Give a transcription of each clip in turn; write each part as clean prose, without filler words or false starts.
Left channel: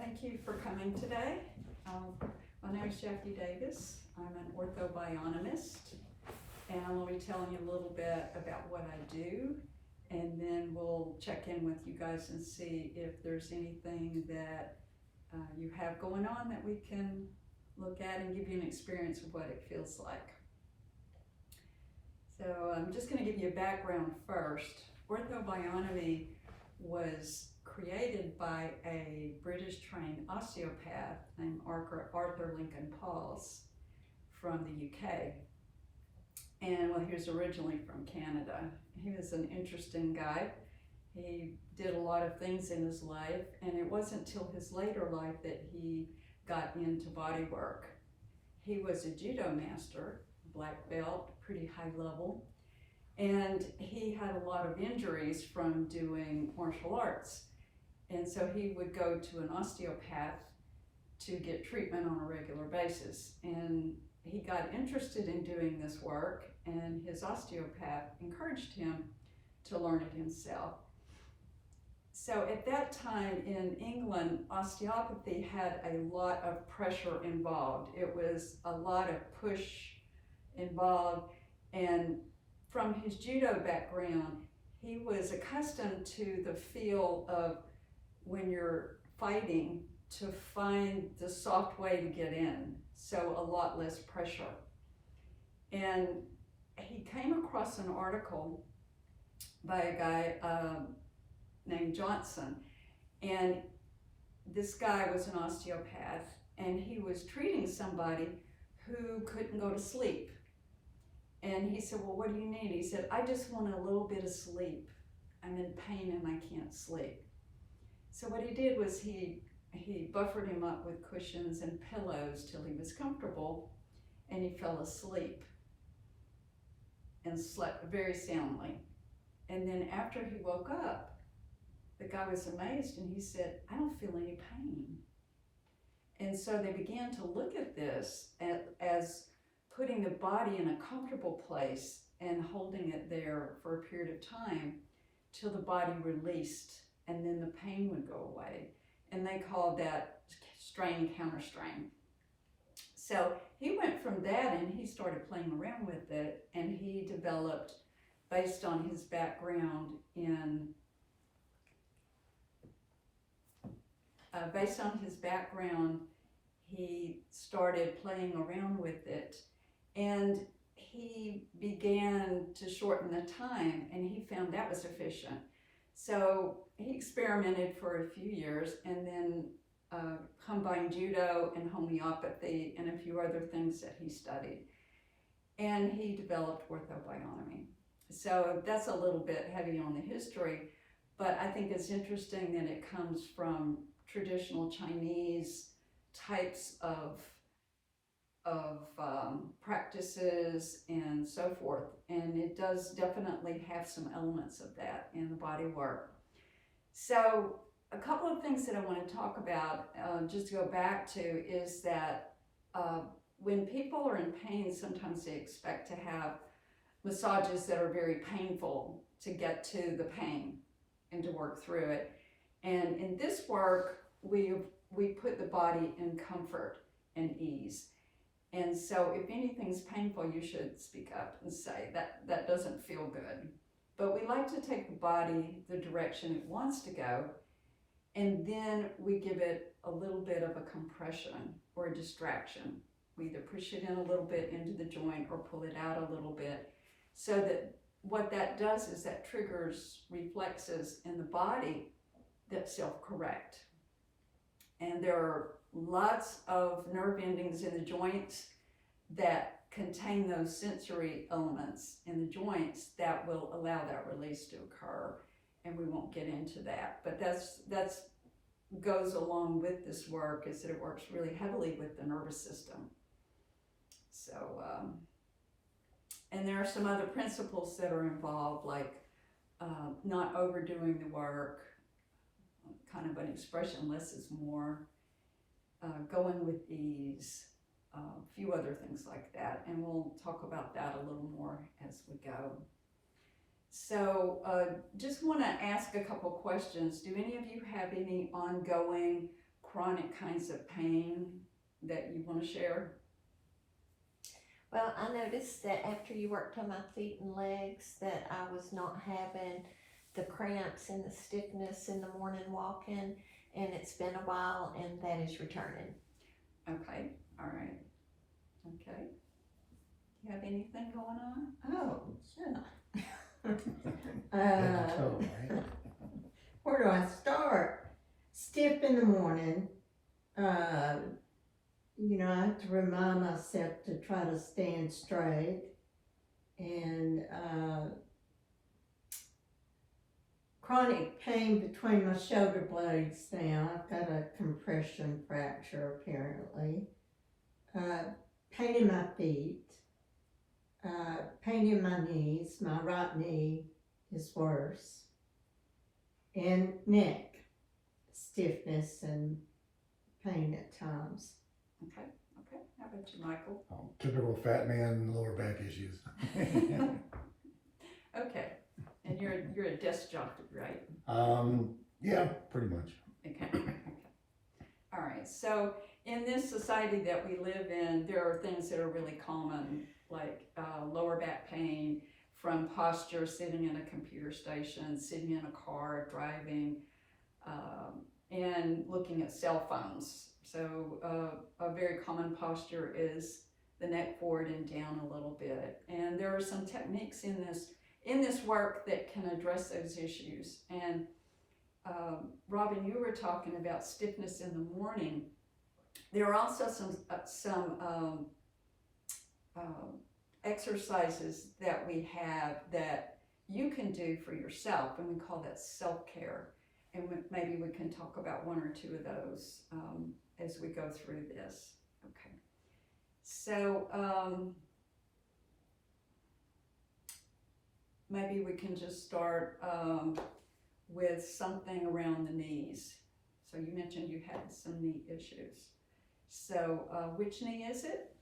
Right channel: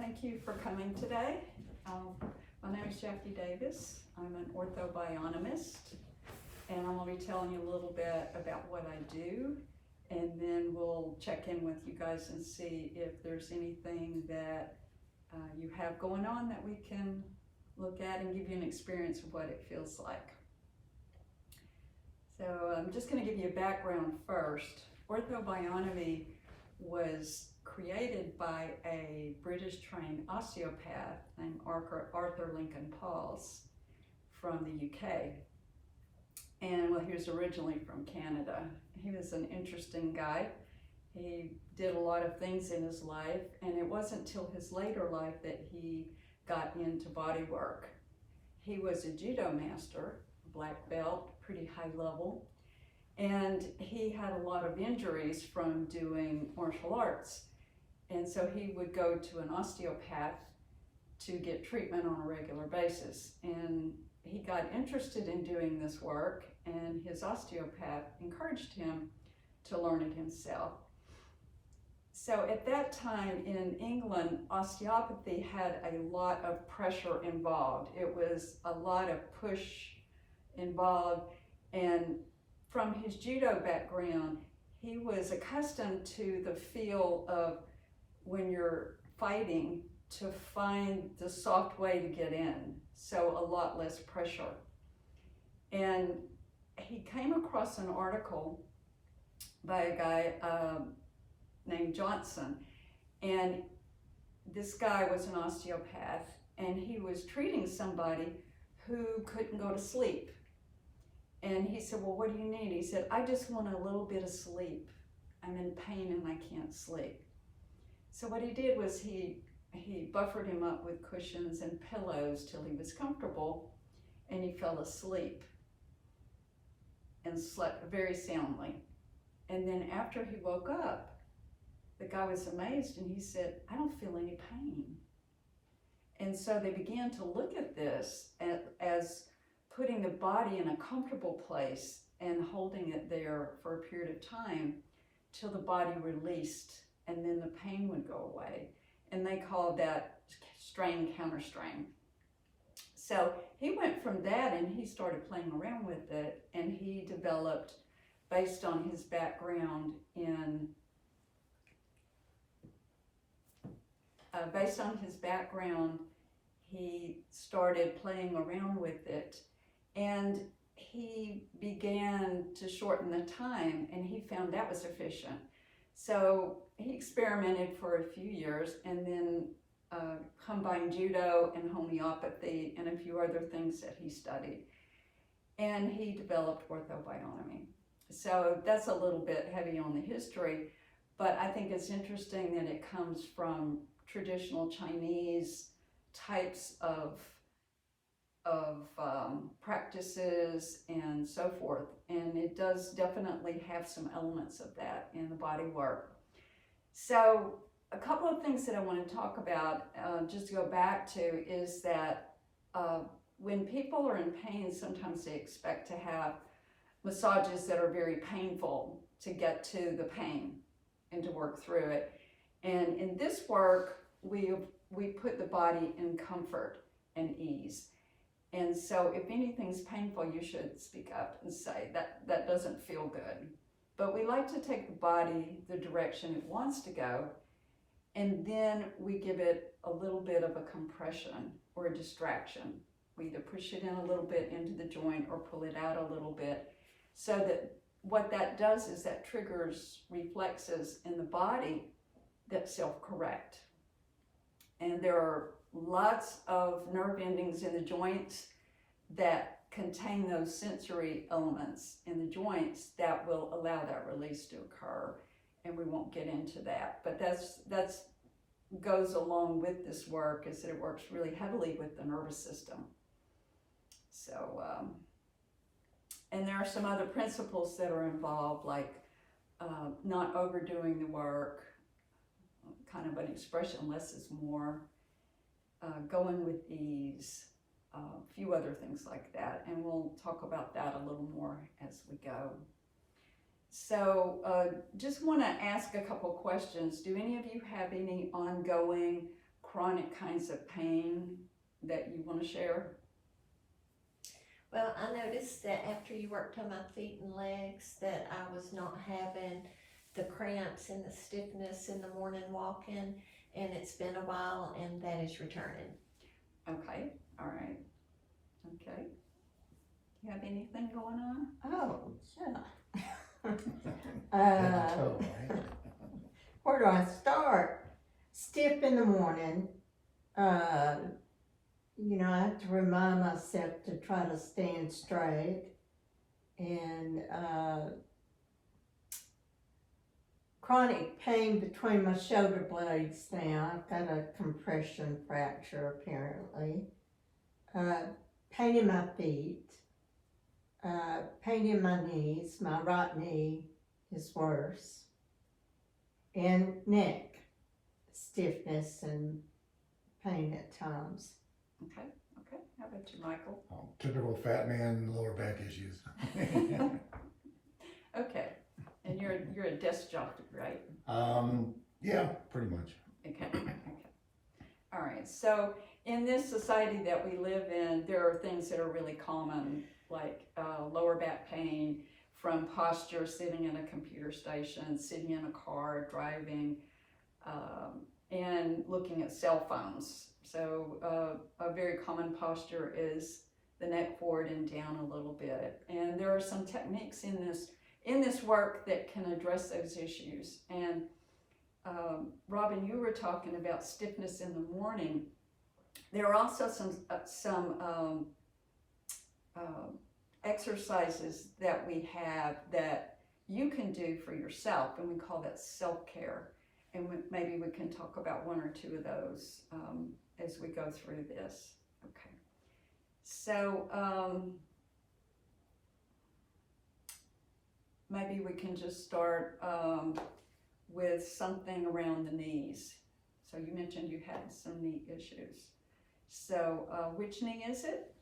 thank you for coming today. My name is Shafty Davis. I'm an orthobionomist, and I'm going to be telling you a little bit about what I do, and then we'll check in with you guys and see if there's anything that you have going on that we can look at and give you an experience of what it feels like. So I'm just going to give you a background first. Orthobionomy was created by a British trained osteopath named Arthur Lincoln Pauls from the UK. And well, he was originally from Canada. He was an interesting guy. He did a lot of things in his life, and it wasn't till his later life that he got into body work. He was a judo master, a black belt, pretty high level, and he had a lot of injuries from doing martial arts. And so he would go to an osteopath to get treatment on a regular basis. And he got interested in doing this work, and his osteopath encouraged him to learn it himself. So at that time in England, osteopathy had a lot of pressure involved. It was a lot of push involved, and from his judo background, he was accustomed to the feel of when you're fighting to find the soft way to get in, so a lot less pressure. And he came across an article by a guy named Johnson, and this guy was an osteopath, and he was treating somebody who couldn't go to sleep. And he said, well, what do you need? He said, I just want a little bit of sleep. I'm in pain and I can't sleep. So what he did was he buffered him up with cushions and pillows till he was comfortable, and he fell asleep and slept very soundly. And then after he woke up, the guy was amazed, and he said, I don't feel any pain. And so they began to look at this as putting the body in a comfortable place and holding it there for a period of time till the body released, and then the pain would go away. And they called that strain counter strain. So he went from that and he started playing around with it, and he developed, based on his background he started playing around with it, and he began to shorten the time, and he found that was efficient. So he experimented for a few years, and then combined judo and homeopathy and a few other things that he studied. And he developed orthobionomy. So that's a little bit heavy on the history, but I think it's interesting that it comes from traditional Chinese types of practices and so forth. And it does definitely have some elements of that in the body work. So a couple of things that I want to talk about, just to go back to, is that when people are in pain, sometimes they expect to have massages that are very painful to get to the pain and to work through it. And in this work, we put the body in comfort and ease. And so if anything's painful, you should speak up and say that doesn't feel good. But we like to take the body the direction it wants to go, and then we give it a little bit of a compression or a distraction. We either push it in a little bit into the joint or pull it out a little bit, so that what that does is that triggers reflexes in the body that self-correct. And there are lots of nerve endings in the joints that contain those sensory elements in the joints that will allow that release to occur, and we won't get into that. But that's goes along with this work, is that it works really heavily with the nervous system. So, and there are some other principles that are involved, like not overdoing the work, kind of an expression, less is more, going with ease, a few other things like that, and we'll talk about that a little more as we go. So just want to ask a couple questions. Do any of you have any ongoing chronic kinds of pain that you want to share? Well, I noticed that after you worked on my feet and legs that I was not having the cramps and the stiffness in the morning walking, and it's been a while and that is returning. Okay, all right. Okay. Do you have anything going on? Oh, yeah. Oh, right. Where do I start? Stiff in the morning. I have to remind myself to try to stand straight. And chronic pain between my shoulder blades now. I've got a compression fracture apparently. Pain in my feet. Pain in my knees. My right knee is worse. And neck stiffness and pain at times. Okay. How about you, Michael? Typical fat man, lower back issues. Okay. And you're a desk jockey, right? Yeah, pretty much. Okay. All right. So in this society that we live in, there are things that are really common, like lower back pain from posture, sitting in a computer station, sitting in a car, driving, and looking at cell phones. So a very common posture is the neck forward and down a little bit. And there are some techniques in this work that can address those issues. And Robin, you were talking about stiffness in the morning. There are also some exercises that we have that you can do for yourself, and we call that self-care. And maybe we can talk about one or two of those as we go through this. Okay. So maybe we can just start with something around the knees. So you mentioned you had some knee issues. So which knee is it?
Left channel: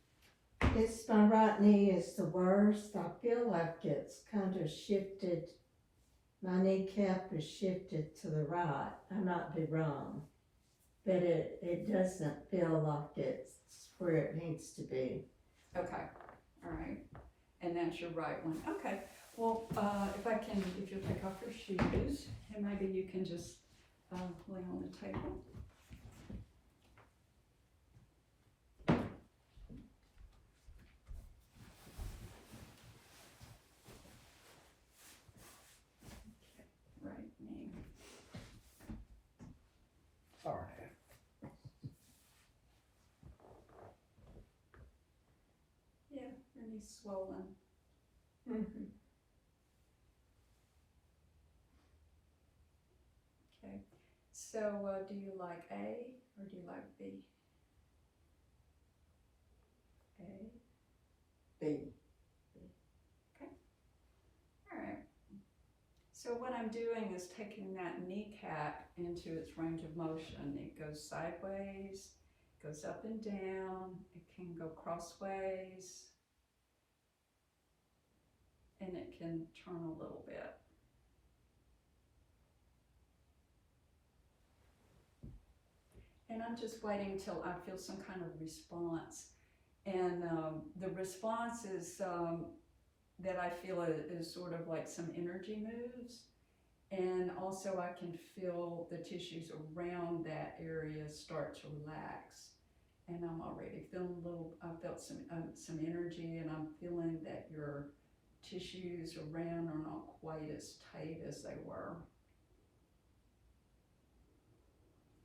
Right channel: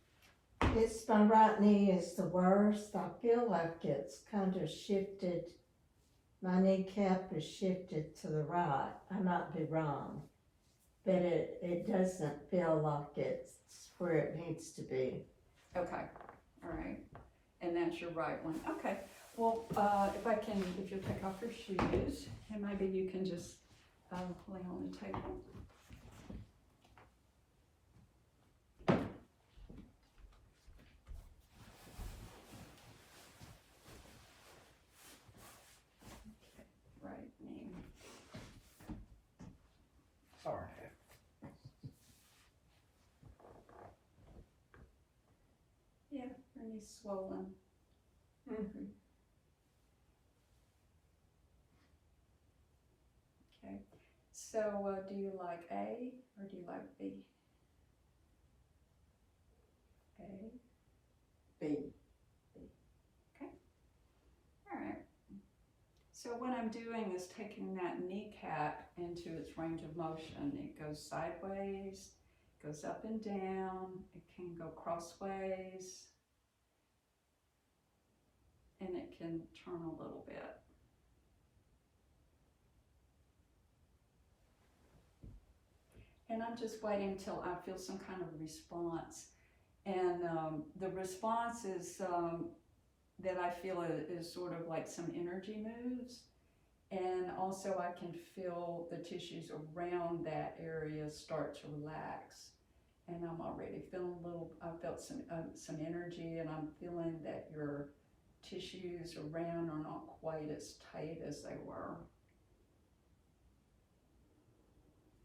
It's my right knee is the worst. I feel like it's kind of shifted. My kneecap is shifted to the right. I might be wrong, but it doesn't feel like it's where it needs to be. Okay, all right. And that's your right one. Okay. Well, if you'll take off your shoes, and maybe you can just lay on the table. Right knee. Sorry. Yeah, your knee's swollen. Mm-hmm. Okay. So do you like A or do you like B? A. B. All right. So what I'm doing is taking that kneecap into its range of motion. It goes sideways, goes up and down, it can go crossways, and it can turn a little bit. And I'm just waiting till I feel some kind of response. And the response is that I feel is sort of like some energy moves. And also I can feel the tissues around that area start to relax. And I'm already feeling I felt some energy, and I'm feeling that your tissues around are not quite as tight as they were.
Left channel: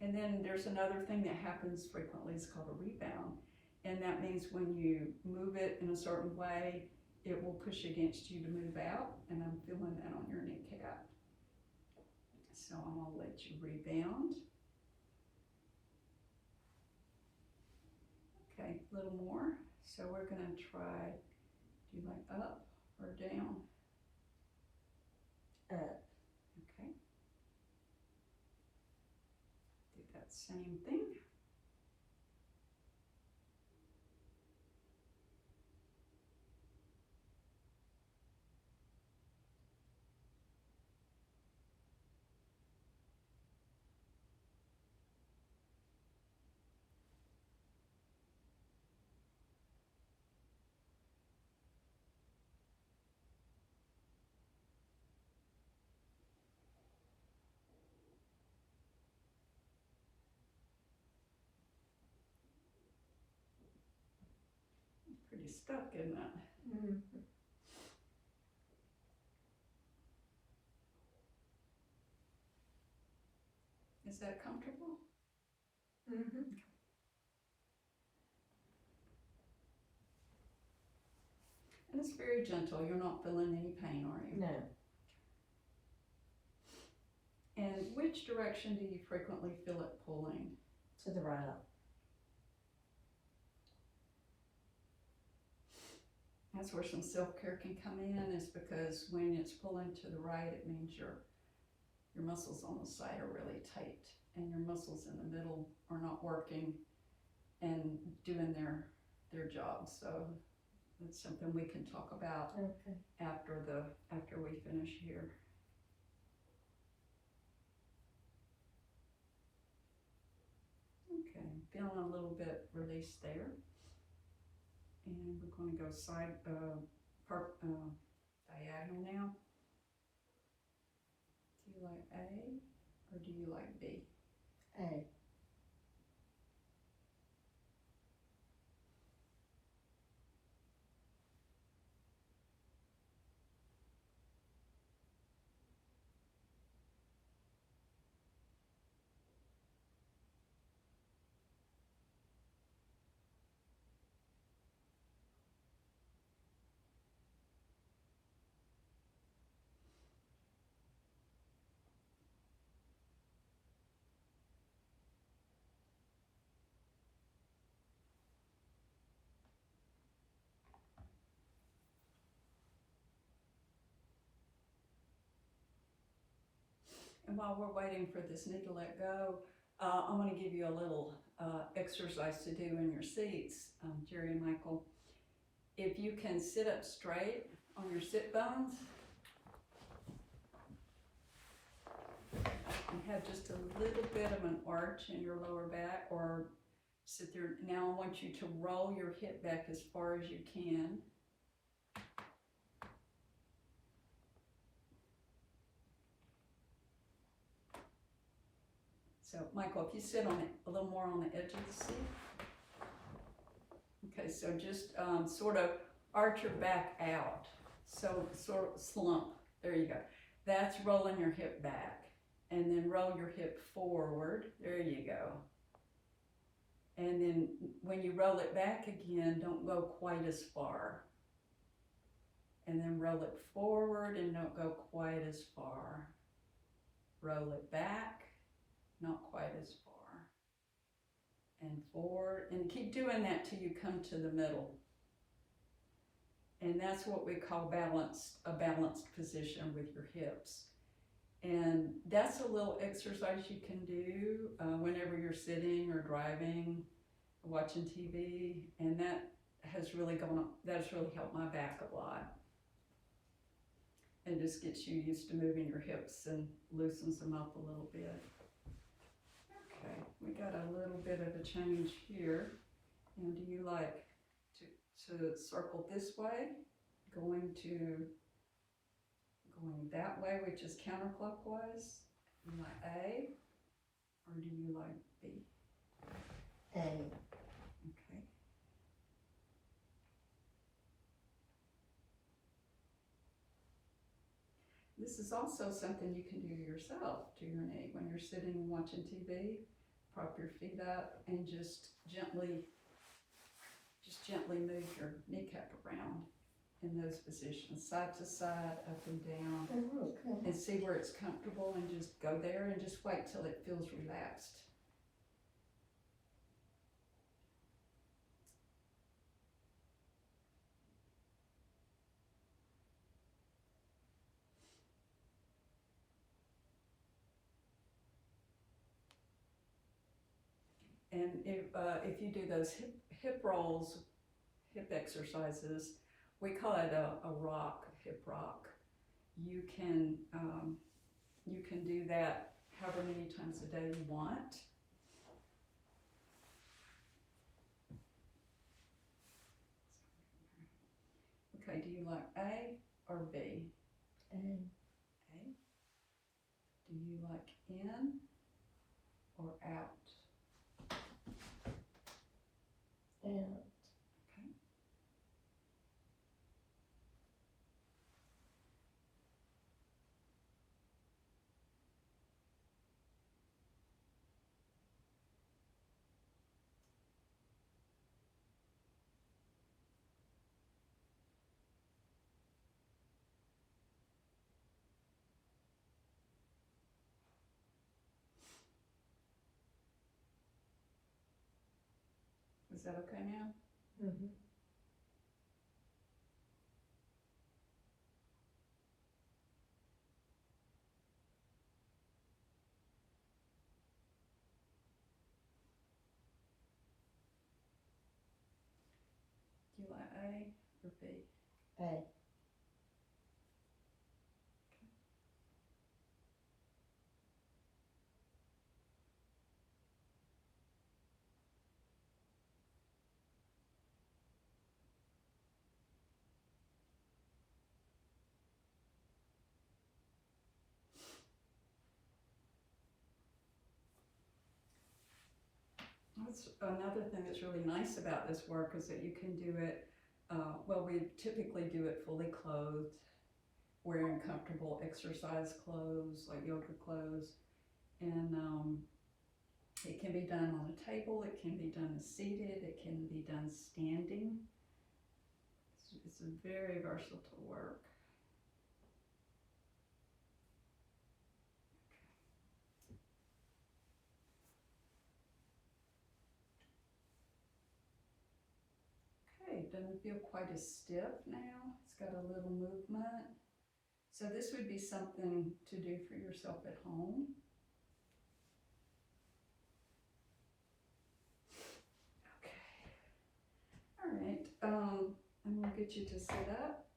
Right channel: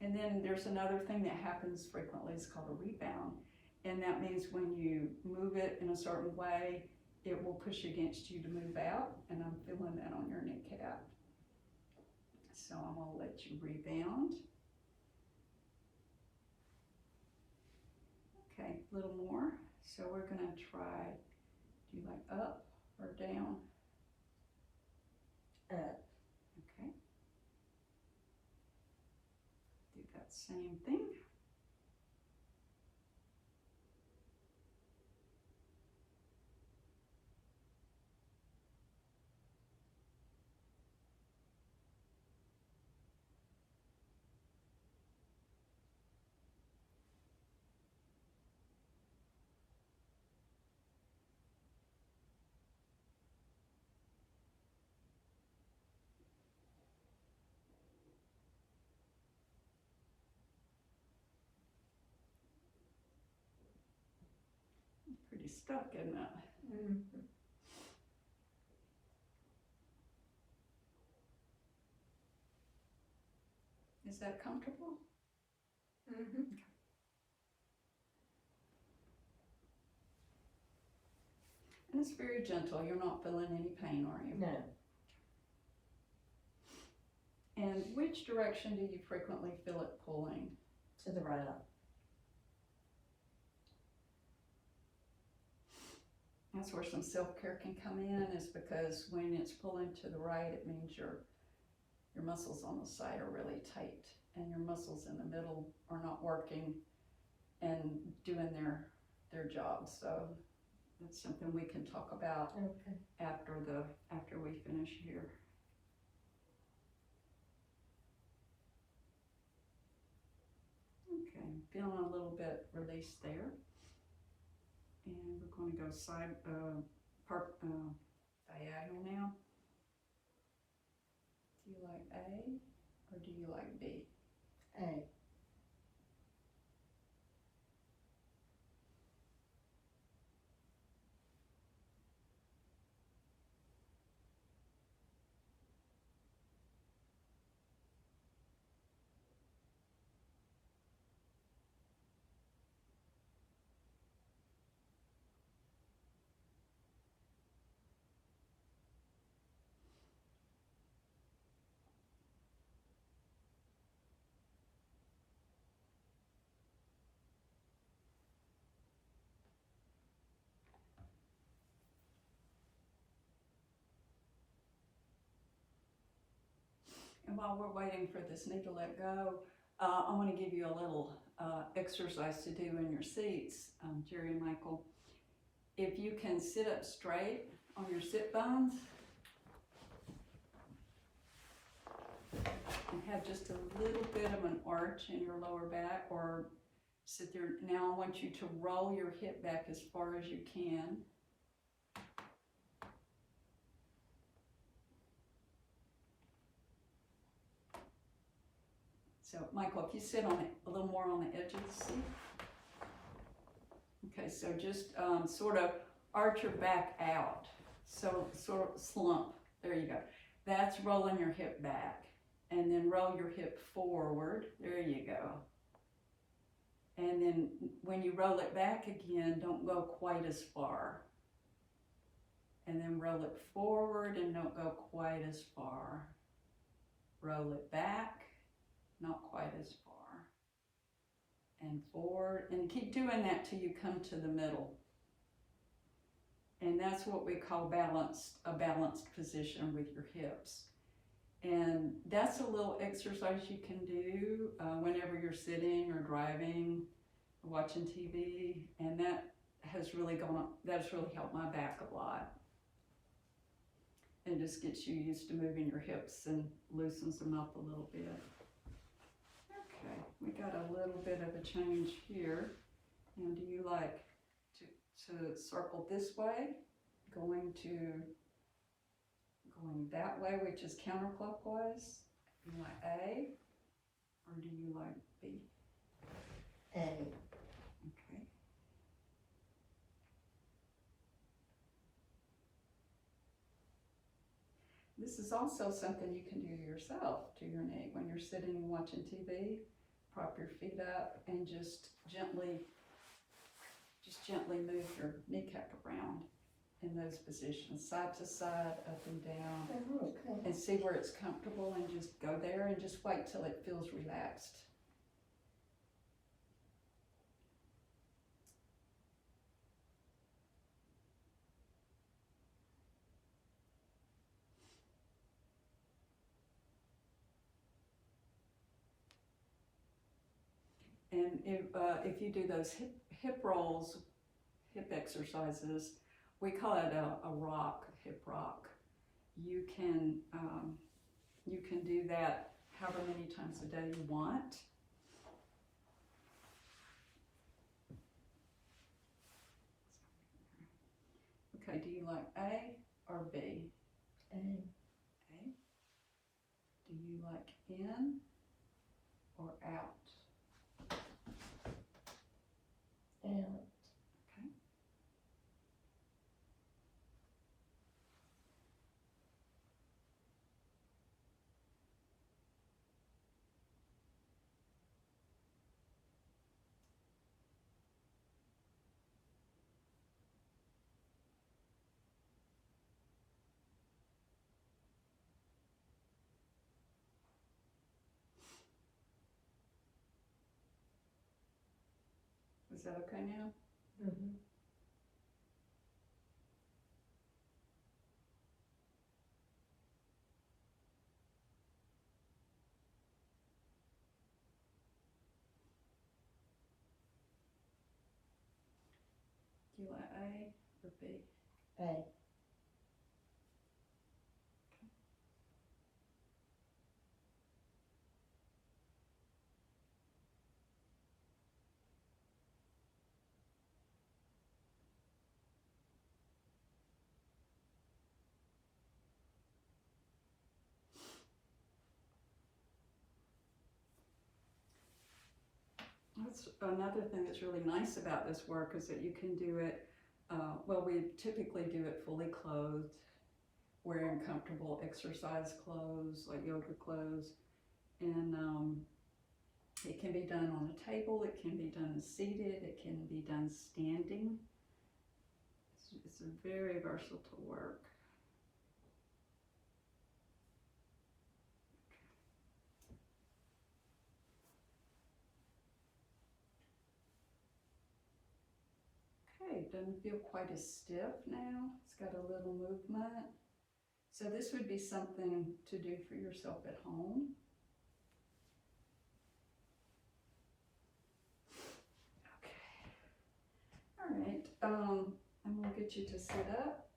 And then there's another thing that happens frequently, it's called a rebound. And that means when you move it in a certain way, it will push against you to move out, and I'm feeling that on your kneecap. So I'm gonna let you rebound. Okay, a little more. So we're gonna try, do you like up or down? Up. Okay. Do that same thing. pretty stuck, isn't it? Mm. Is that comfortable? Mm-hmm. And it's very gentle, you're not feeling any pain, are you? No, And which direction do you frequently feel it pulling? to the right. That's where some self-care can come in, is because when it's pulling to the right, it means your muscles on the side are really tight and your muscles in the middle are not working and doing their job. So that's something we can talk about Okay. after we finish here. Okay, feeling a little bit released there. And we're going to go diagonal now. Do you like A or do you like B? A. And while we're waiting for this knee to let go, I'm going to give you a little exercise to do in your seats, Jerry and Michael. If you can sit up straight on your sit bones and have just a little bit of an arch in your lower back, or sit there. Now I want you to roll your hip back as far as you can. So, Michael, if you sit on it a little more on the edge of the seat. Okay, so just sort of arch your back out. So, sort of slump. There you go. That's rolling your hip back. And then roll your hip forward. There you go. And then when you roll it back again, don't go quite as far. And then roll it forward and don't go quite as far. Roll it back. Not quite as far, and forward, and keep doing that till you come to the middle. And that's what we call a balanced position with your hips. And that's a little exercise you can do whenever you're sitting or driving, watching TV, and that has really helped my back a lot. And just gets you used to moving your hips and loosens them up a little bit. Okay, we got a little bit of a change here. And do you like to circle this way, going that way, which is counterclockwise? Do you like A or do you like B? A. Okay. This is also something you can do yourself to your knee when you're sitting and watching TV. Prop your feet up and just gently move your kneecap around in those positions, side to side, up and down, Oh, okay. and see where it's comfortable, and just go there and just wait till it feels relaxed. And if you do those hip rolls, hip exercises, we call it a hip rock. You can do that however many times a day you want. Okay, do you like A or B? A. A. Do you like in or out? Out. Is that okay now? Mhm. Do you want A or B? A. That's another thing that's really nice about this work is that you can do it, well, we typically do it fully clothed, wearing comfortable exercise clothes, like yoga clothes. And it can be done on a table, it can be done seated, it can be done standing. It's a very versatile work. Okay, doesn't feel quite as stiff now. It's got a little movement. So this would be something to do for yourself at home. Okay. All right, I'm gonna get you to sit up.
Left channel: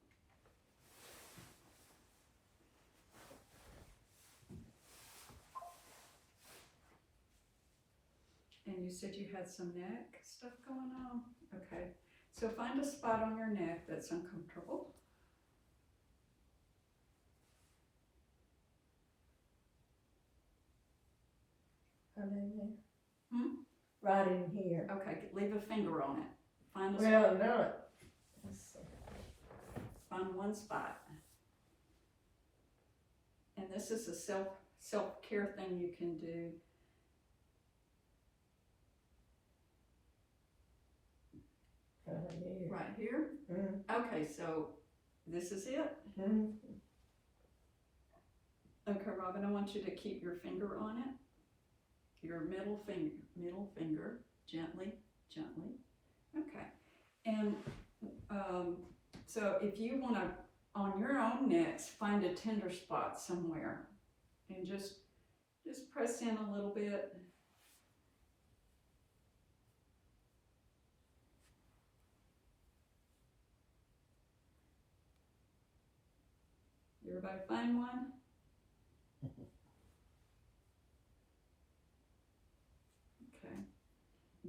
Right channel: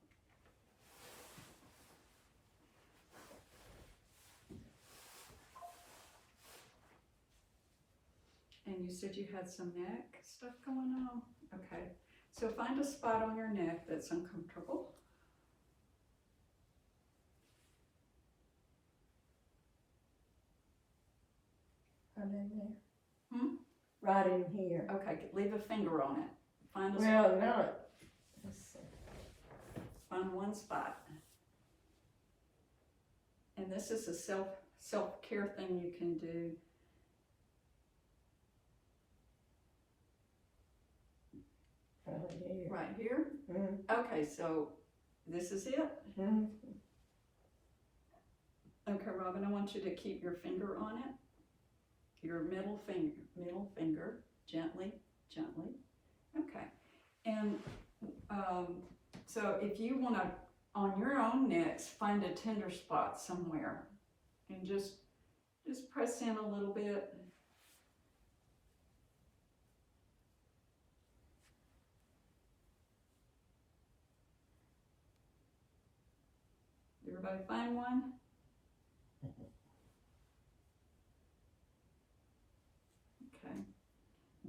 And you said you had some neck stuff going on? Okay, so find a spot on your neck that's uncomfortable. Right in there. Hmm? Right in here. Okay, leave a finger on it. Find a Well, spot. no. Let's see. Find one spot. And this is a self-care thing you can do. Right here. Right here. Mm-hmm. Okay, so this is it. Mm-hmm. Okay, Robin, I want you to keep your finger on it. Your middle finger, gently. Okay, and so if you want to, on your own necks, find a tender spot somewhere, and just press in a little bit. Everybody find one? Okay.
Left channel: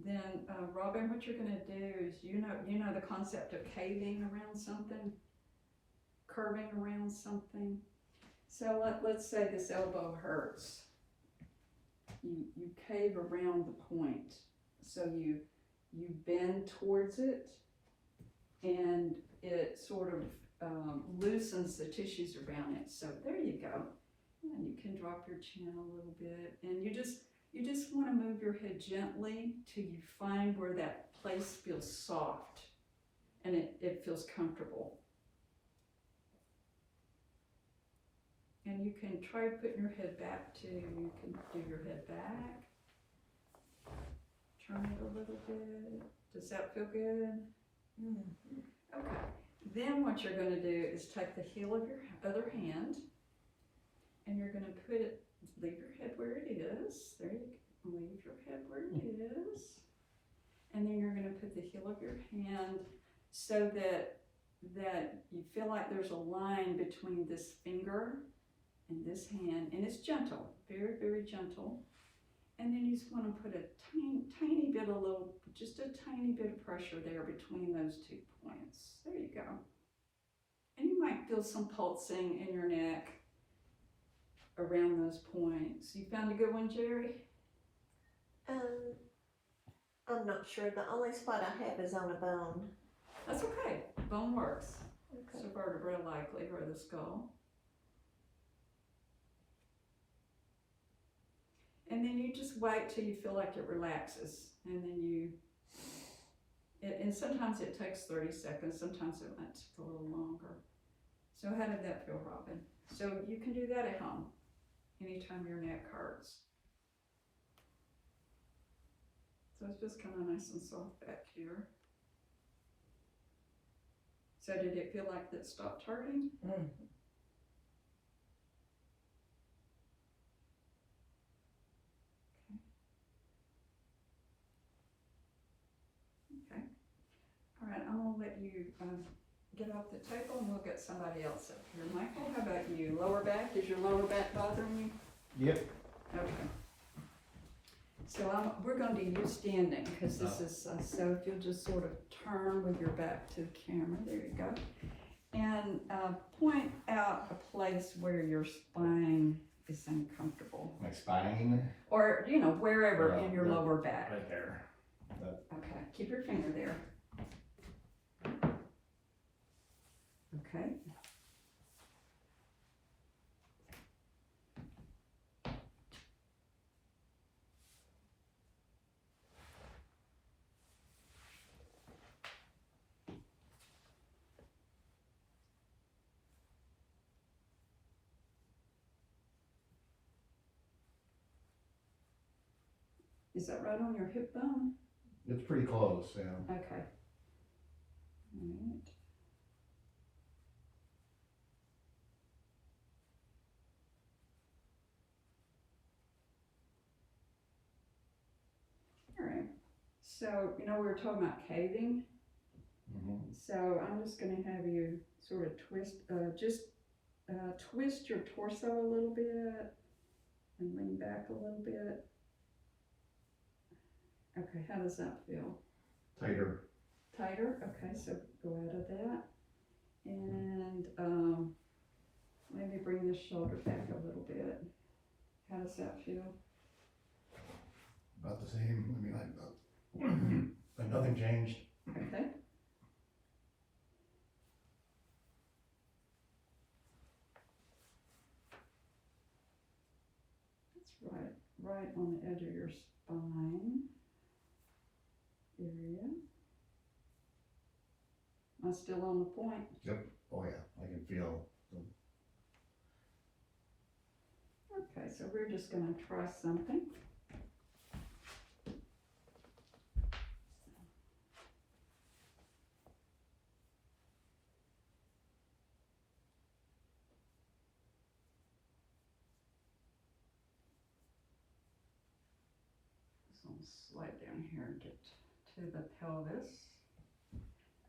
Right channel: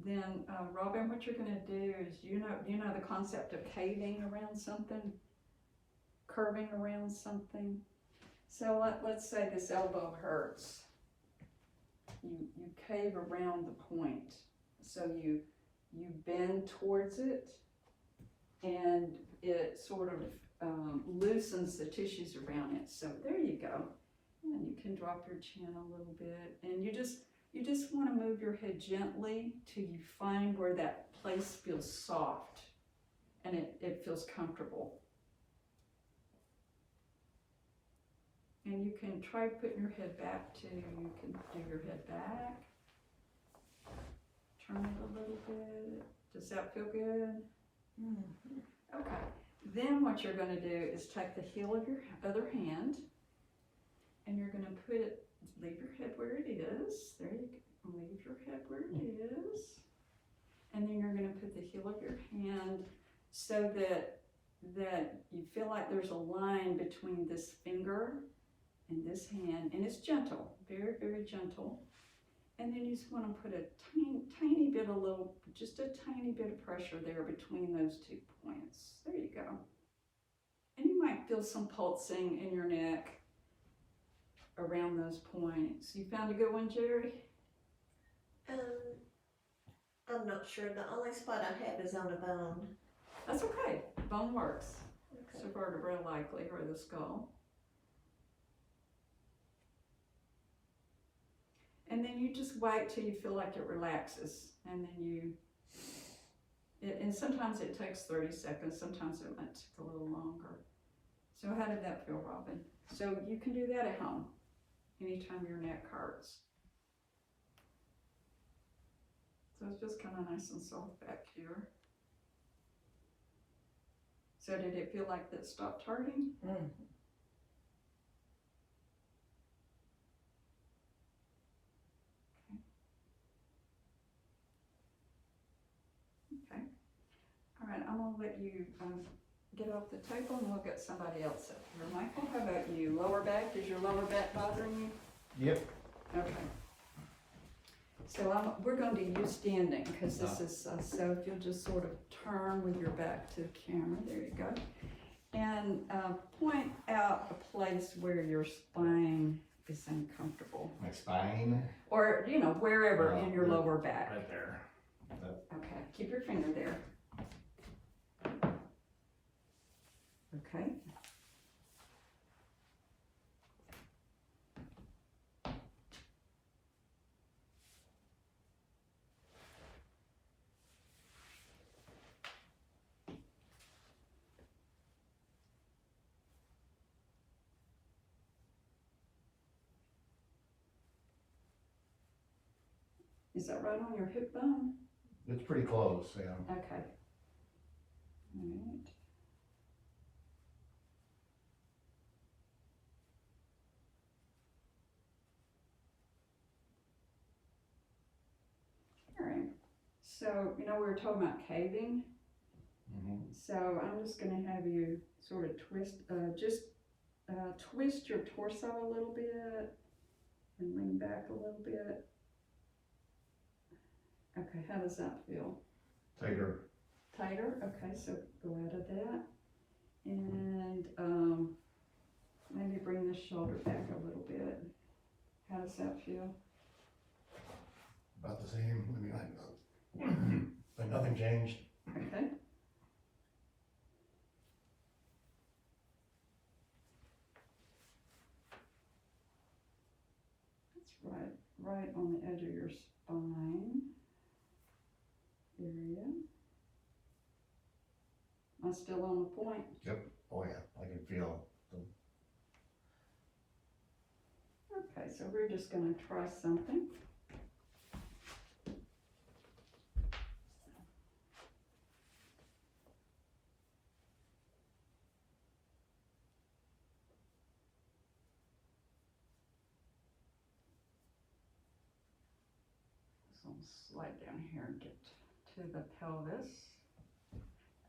Then, Robin, what you're going to do is, you know the concept of caving around something, curving around something. So let's say this elbow hurts. You cave around the point. So you bend towards it, and it sort of loosens the tissues around it. So there you go. And you can drop your chin a little bit, and you just want to move your head gently till you find where that place feels soft and it feels comfortable. And you can try putting your head back too. You can do your head back. Turn it a little bit. Does that feel good? Mm-hmm. Okay. Then what you're going to do is take the heel of your other hand, and you're going to put it, leave your head where it is. There you go. Leave your head where it is. And then you're going to put the heel of your hand so that you feel like there's a line between this finger and this hand, and it's gentle, very, very gentle. And then you just want to put a tiny bit, just a tiny bit of pressure there between those 2 points. There you go. And you might feel some pulsing in your neck around those points. You found a good one, Jerry? I'm not sure. The only spot I have is on a bone. That's okay. Bone works. Okay. It's a vertebra likely, or the skull. And then you just wait till you feel like it relaxes. And then and sometimes it takes 30 seconds. Sometimes it might take a little longer. So how did that feel, Robin? So you can do that at home anytime your neck hurts. So it's just kind of nice and soft back here. So did it feel like that stopped hurting? Mm. Okay. All right, I'm gonna let you get off the table and we'll get somebody else up here. Michael, how about you? Lower back, is your lower back bothering you? Yep. Okay. So we're going to do you standing because this is, so if you'll just sort of turn with your back to the camera, there you go. And point out a place where your spine is uncomfortable. My spine. Or, you know, wherever in your Yeah. lower back. Right there. Okay, keep your finger there. Okay. Is that right on your hip bone? It's pretty close, yeah. Okay. All right. All right. So, you know, we were talking about caving. Mm-hmm. So I'm just gonna have you sort of twist, twist your torso a little bit and lean back a little bit. Okay, how does that feel? Tighter. Tighter? Okay, so go out of that. And maybe bring the shoulder back a little bit. How does that feel? About the same. I mean, like nothing changed. Okay. That's right on the edge of your spine area. Am I still on the point? Oh yeah, I can feel. Okay, so we're just gonna try something. So I'm gonna slide down here and get to the pelvis.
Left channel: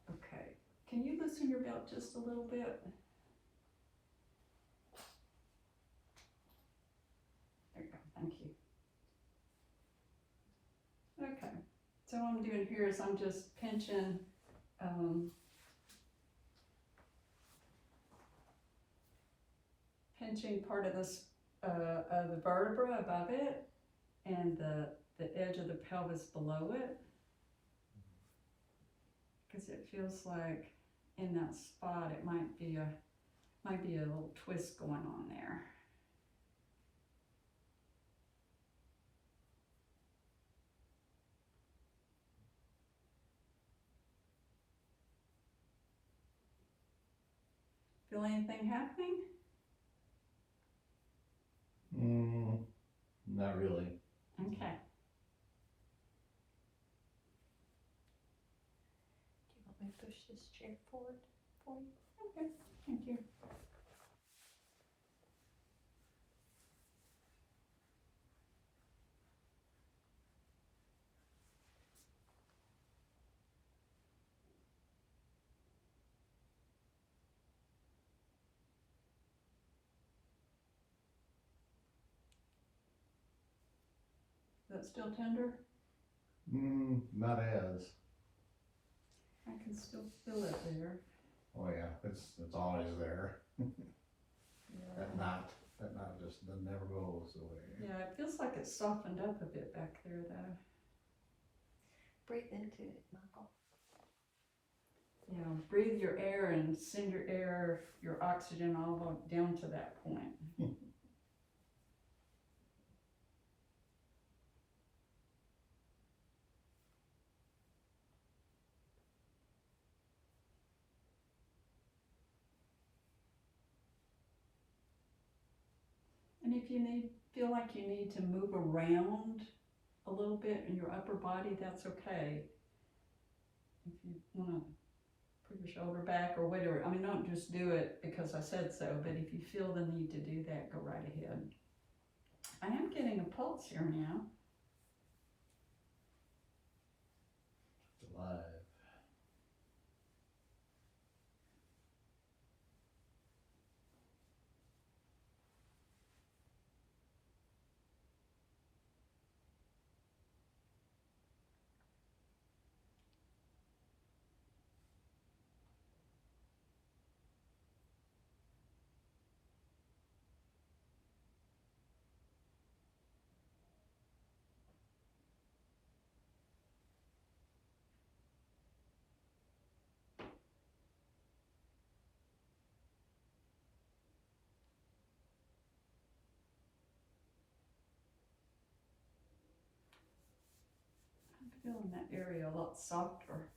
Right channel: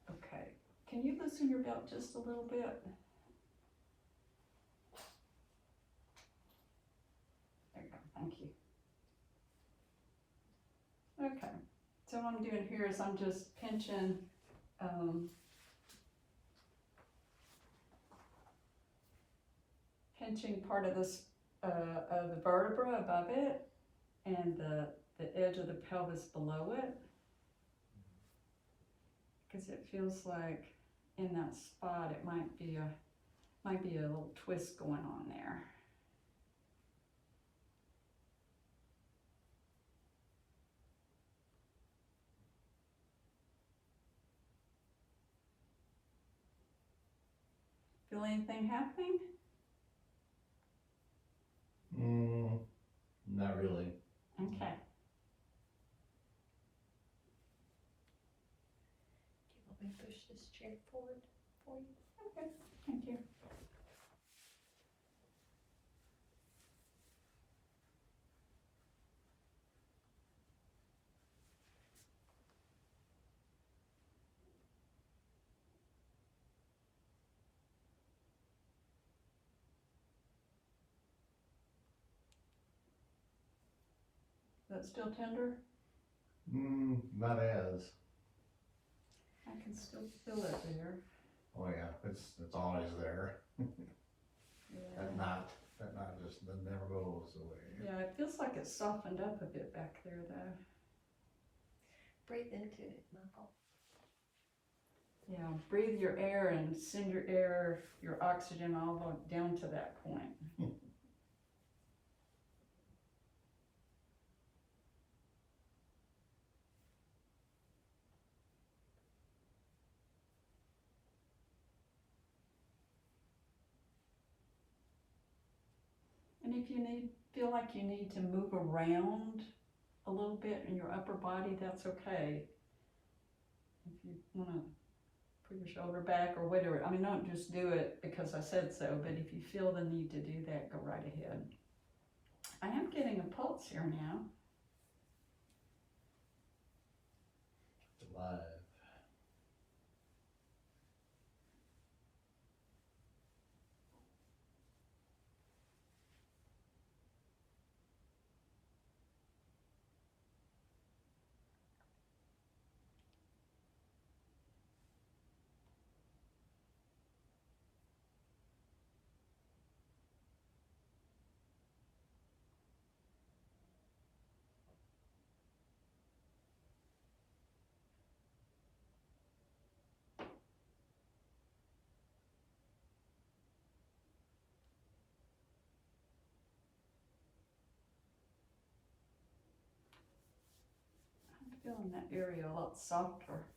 Okay, can you loosen your belt just a little bit? There you go, thank you. Okay, so what I'm doing here is I'm just pinching, pinching part of this, of the vertebra above it and the edge of the pelvis below it. Because it feels like in that spot it might be a little twist going on there. Feel anything happening? Not really. Okay. Do you want me to push this chair forward for you? Okay, thank you. Is that still tender? Not as. I can still feel it there. Oh yeah, it's always there. Yeah. That knot just never goes away. Yeah, it feels like it's softened up a bit back there though. Breathe into it, Michael. Yeah, breathe your air and send your air, your oxygen all the way down to that point. And if you feel like you need to move around a little bit in your upper body, that's okay. If you wanna put your shoulder back or whatever, I mean, don't just do it because I said so, but if you feel the need to do that, go right ahead. I am getting a pulse here now. Live. I'm feeling that area a lot softer.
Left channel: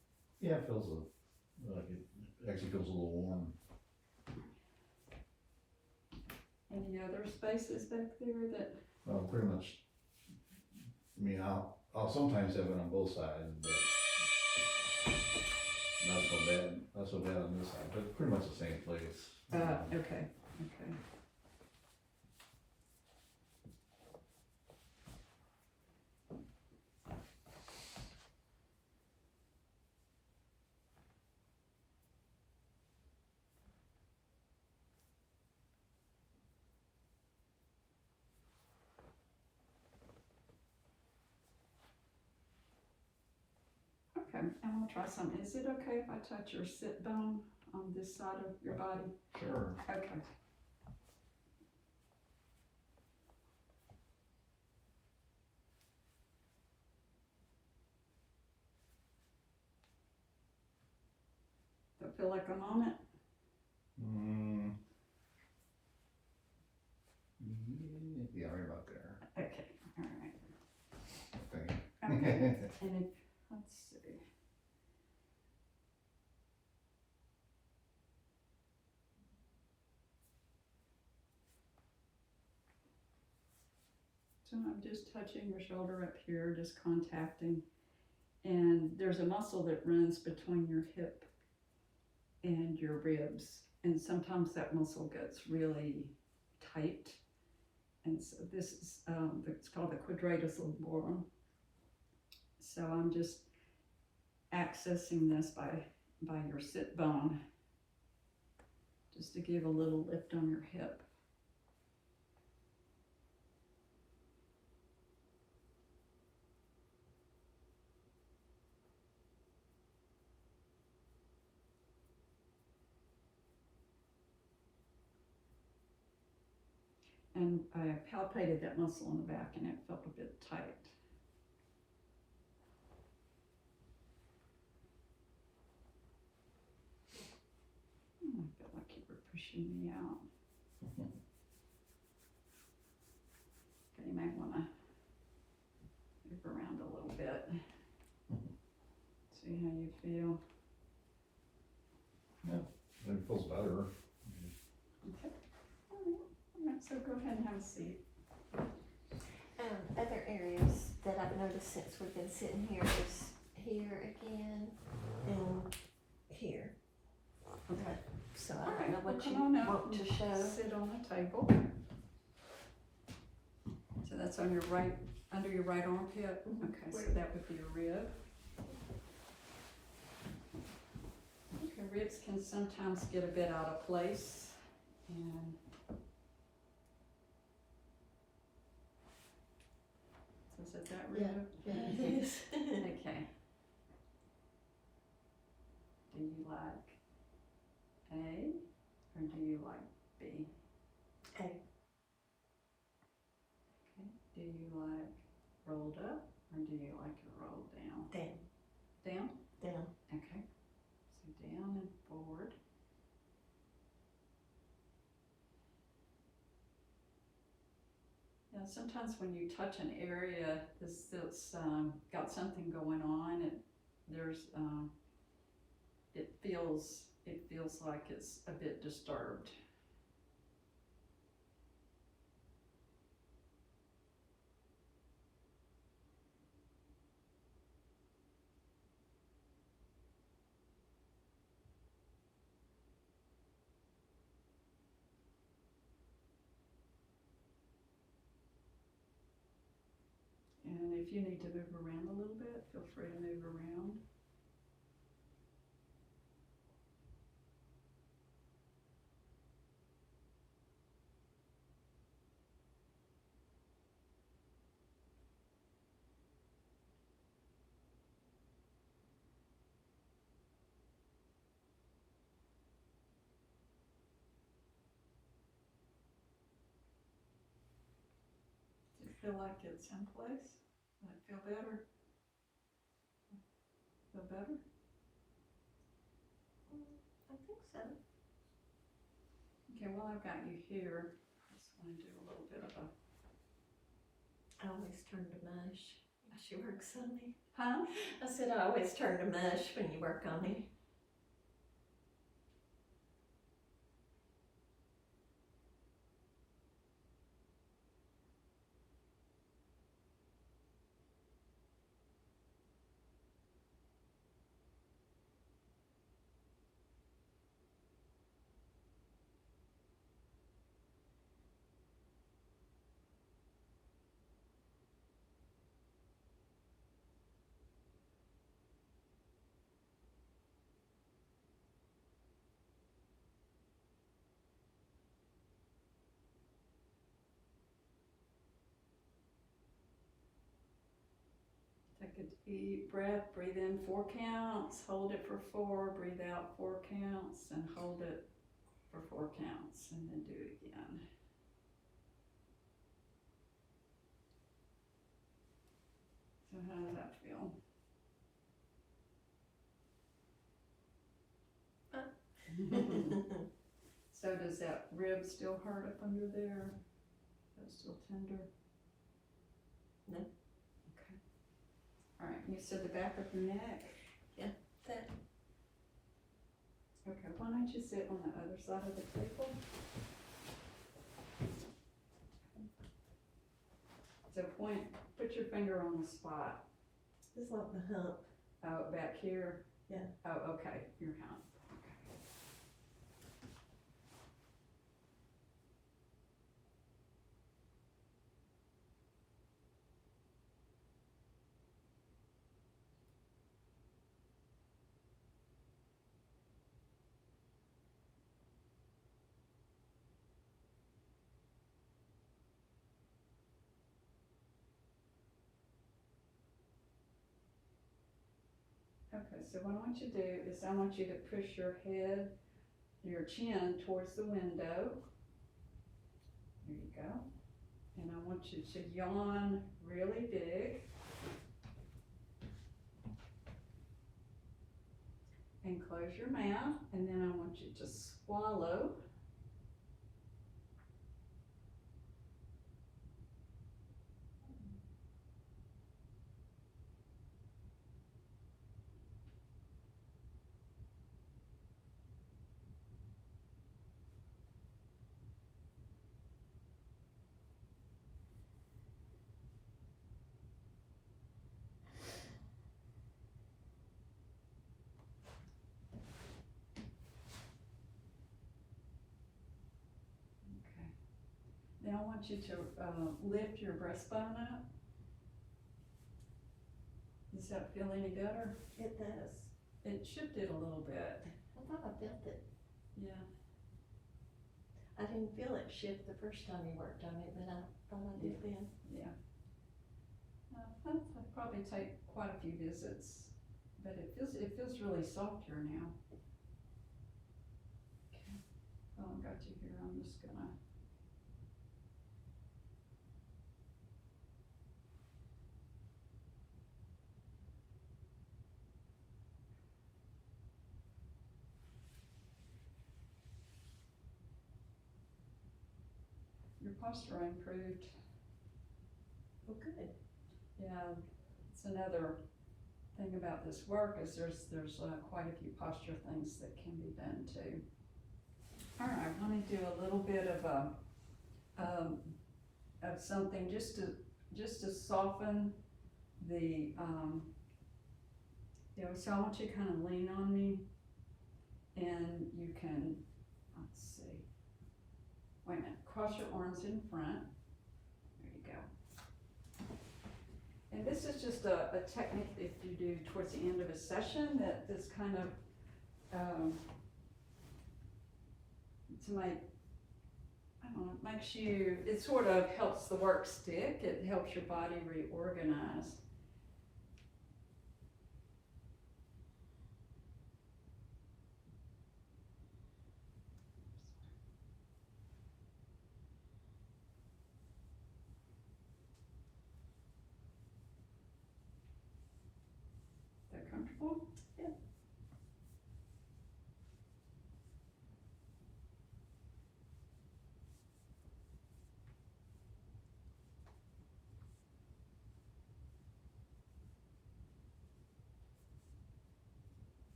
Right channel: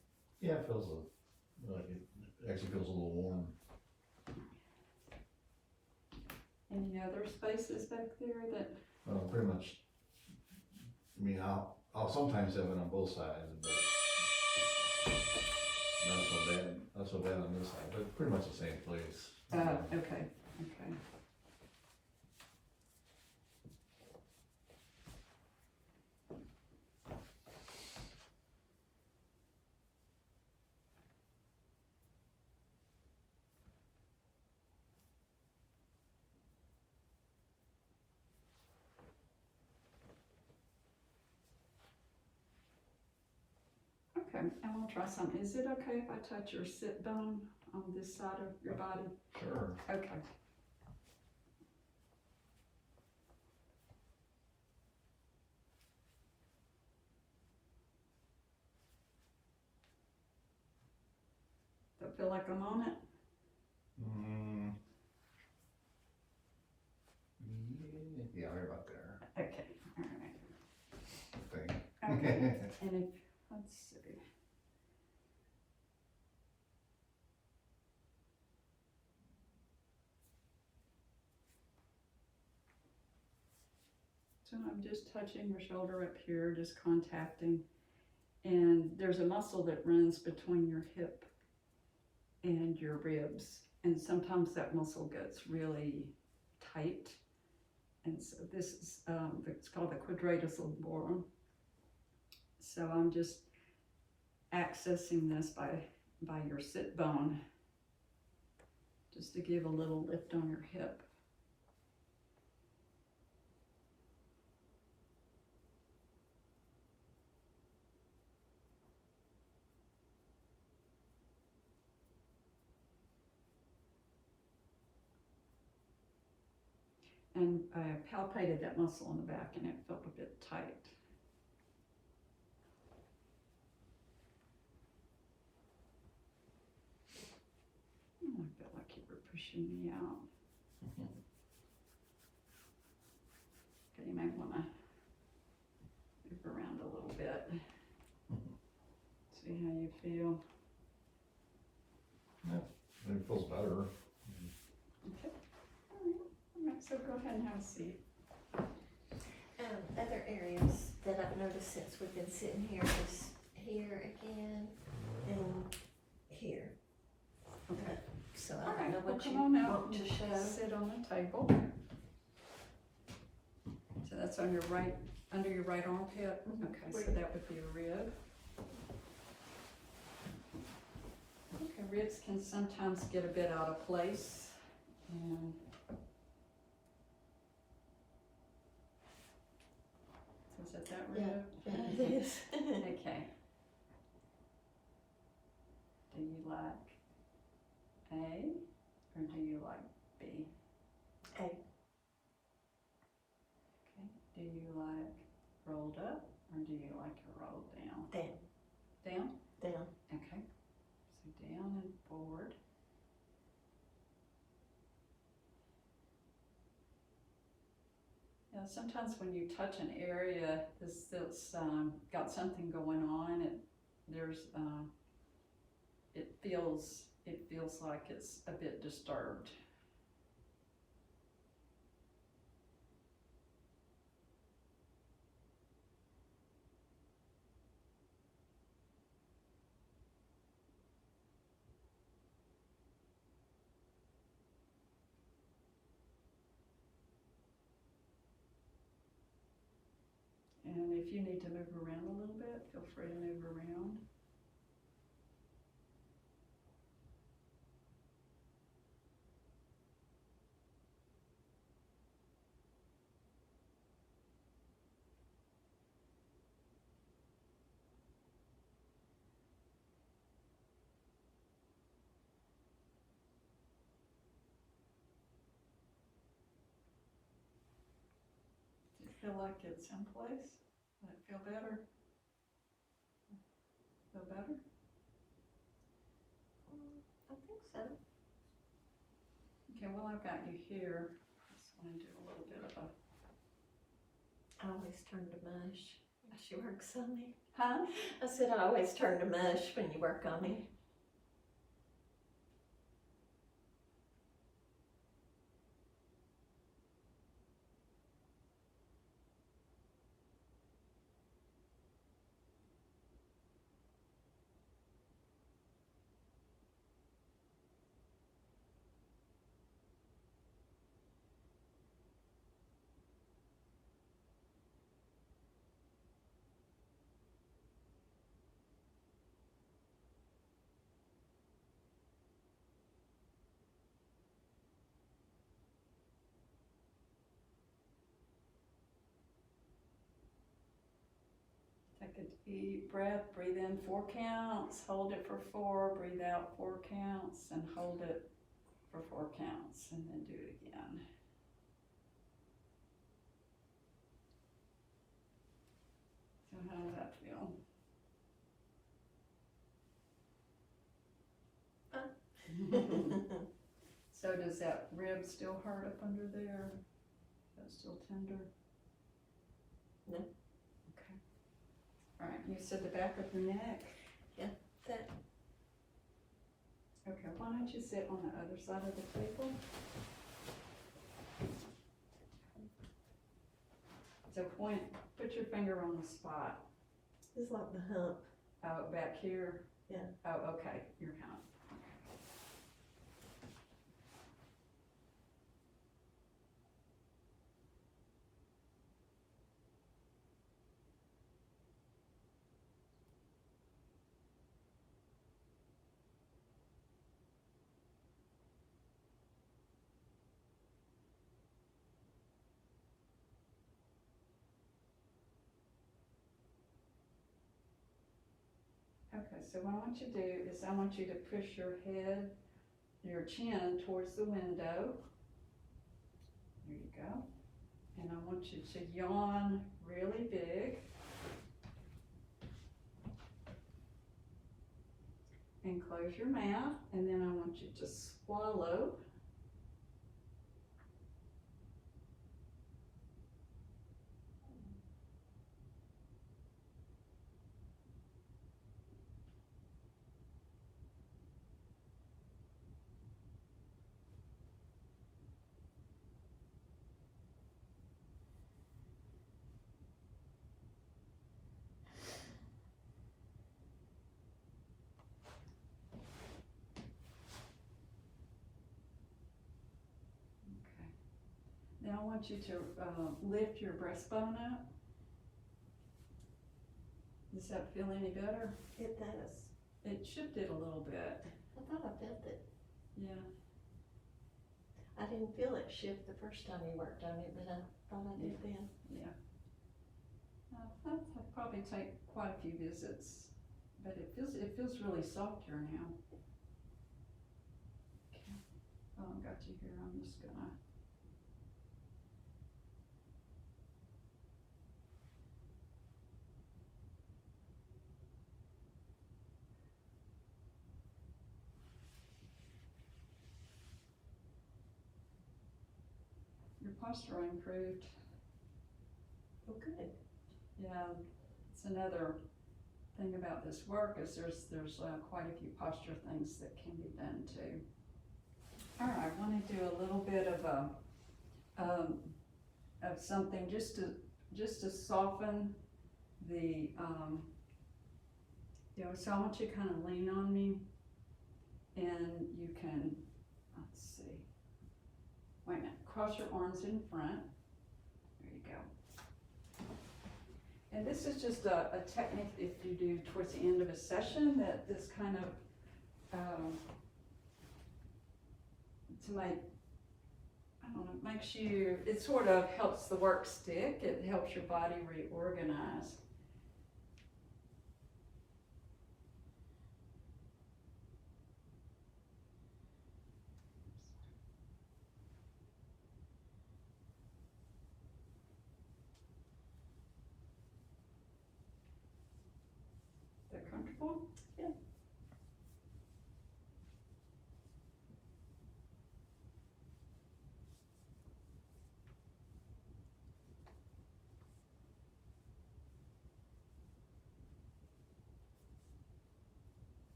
Yeah, it feels like it actually feels a little warm. Any other spaces back there that, Well, pretty much, I mean, I'll sometimes have it on both sides, but not so bad on this side, but pretty much the same place. okay, okay. Okay, and we'll try some. Is it okay if I touch your sit bone on this side of your body? Sure. Okay. Don't feel like I'm on it? Mm. Yeah, right about there. Okay, all right. Okay. Okay, and if, let's see. So I'm just touching your shoulder up here, just contacting. And there's a muscle that runs between your hip and your ribs. And sometimes that muscle gets really tight. And so this is, it's called the quadratus lumborum. So I'm just accessing this by your sit bone, just to give a little lift on your hip. And I palpated that muscle in the back and it felt a bit tight. I felt like you were pushing me out. Okay, you may want to move around a little bit. See how you feel. It feels better. Okay. All right, so go ahead and have a seat. Other areas that I've noticed since we've been sitting here is here again and here. Okay. So All I don't right, know well, what you come on out want to and show. sit on the table. So that's on your right, under your right armpit. Mhm. Okay, so that would be a rib. Okay, ribs can sometimes get a bit out of place. And so is it that rib? Yeah, it is. Okay. Do you like A or do you like B? A. Okay. Do you like rolled up or do you like it rolled down? Down. Down? Down. Okay. So down and forward. Yeah, sometimes when you touch an area that's got something going on, it feels like it's a bit disturbed. if you need to move around a little bit, feel free to move around. Do you feel like it's in place? Does it feel better? Feel better? I think so. Okay, well, I've got you here. Just wanna do a little bit of a, I always turn to mush when she works on me. huh? I said I always turn to mush when you work on me. Take a deep breath, breathe in 4 counts, hold it for 4, breathe out 4 counts, and hold it for 4 counts, and then do it again. So how does that feel? So does that rib still hurt up under there? That's still tender? No. Okay. All right, you said the back of your neck? That. Okay, why don't you sit on the other side of the table? So put your finger on the spot. It's like the hump. Oh, back here? Yeah. Oh, okay, your hump. Okay, so what I want you to do is I want you to push your head, your chin towards the window. There you go. And I want you to yawn really big. And close your mouth, and then I want you to swallow. Now I want you to lift your breastbone up. Does that feel any better? It does. It shifted a little bit. I thought I felt it. Yeah. I didn't feel it shift the first time you worked on it, but I thought I did then. Yeah. That'd probably take quite a few visits, but it feels really soft here now. Okay. Well, I've got you here. I'm just gonna. Your posture improved. Oh, good. Yeah, it's another thing about this work is there's quite a few posture things that can be done too. All right, I want to do a little bit of something just to soften the so I want you to kind of lean on me, and you can, let's see, wait a minute, cross your arms in front. There you go. And this is just a technique that you do towards the end of a session that this kind of, to make, I don't know, makes you, it sort of helps the work stick, it helps your body reorganize. They're comfortable? Yeah.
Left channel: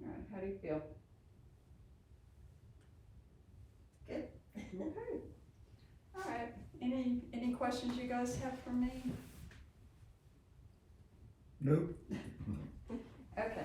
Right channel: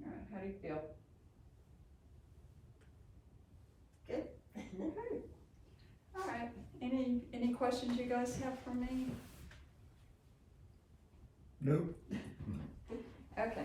All right, how do you feel? Good. Okay. All right, any questions you guys have for me? Nope. Okay,